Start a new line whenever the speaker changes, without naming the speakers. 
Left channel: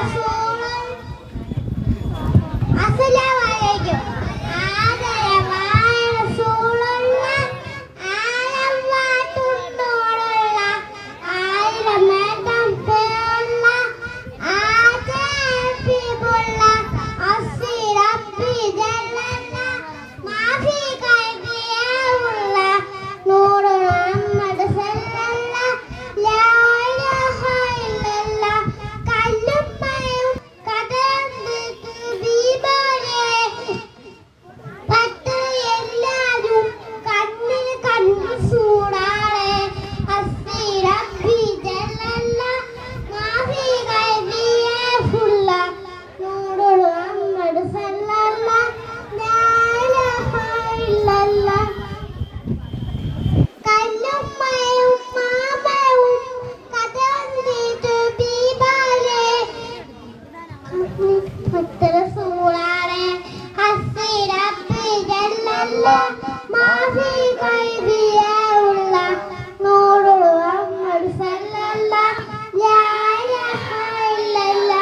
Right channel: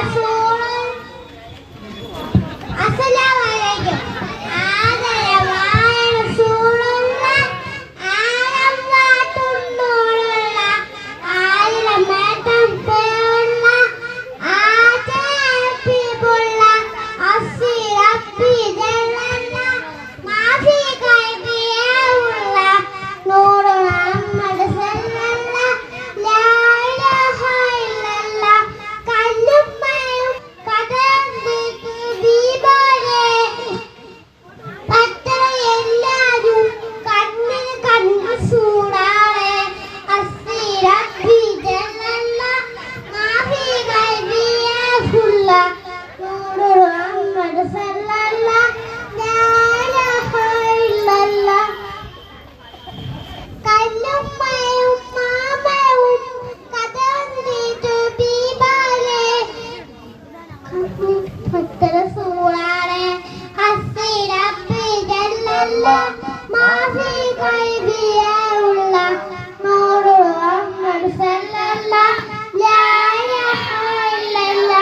Thank you. ما في قلبي